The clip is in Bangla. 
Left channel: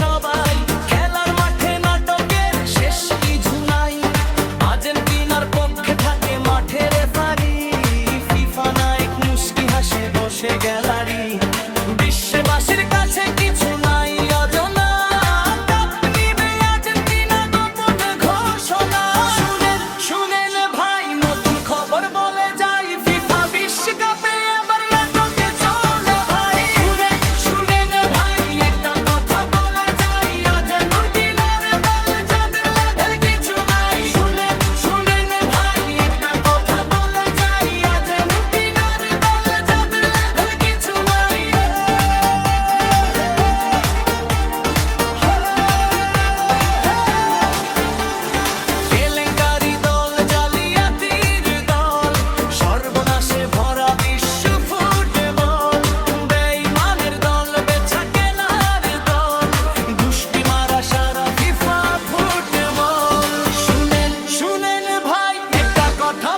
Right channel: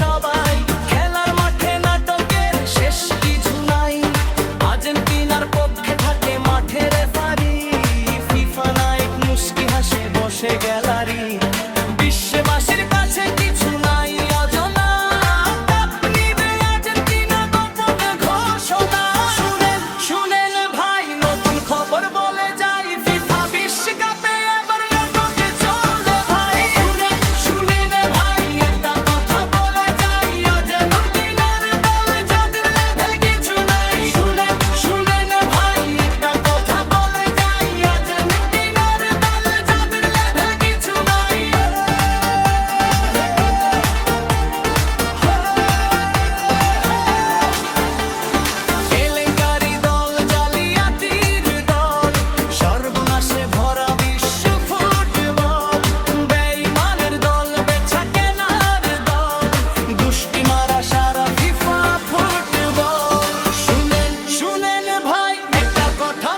সবাই, খেলার মাঠে নাটকের শেষ কিছু নাই। আর্জেন্টিনার পক্ষে থাকে মাঠে রেফারি, ফিফা নায়ক মুস্কি হাসে বসে গ্যালারি। বিশ্ববাসীর কাছে কিছু নাই অজানা, কাপ নিবে আর্জেন্টিনা গোপন ঘোষণা। শুনেন শুনেন ভাই, নতুন খবর বলে যাই, ফিফা বিশ্বকাপে এবার নাটকে চলে ভাই। শুনেন শুনেন ভাই, একটা কথা বলে যাই, আর্জেন্টিনার দল যাদের লেভেল কিছু নাই। শুনেন শুনেন ভাই, একটা কথা বলে যাই, আর্জেন্টিনার দল যাদের লেভেল কিছু নাই। কেলেঙ্কারি দল, জালিয়াতির দল, সর্বনাশে ভরা বিশ্ব ফুটবল। বেঈমানের দল, বেচা কেনার দল, গুষ্টি মারা সারা ফিফা ফুটবল। শুনেন শুনেন ভাই, একটা কথা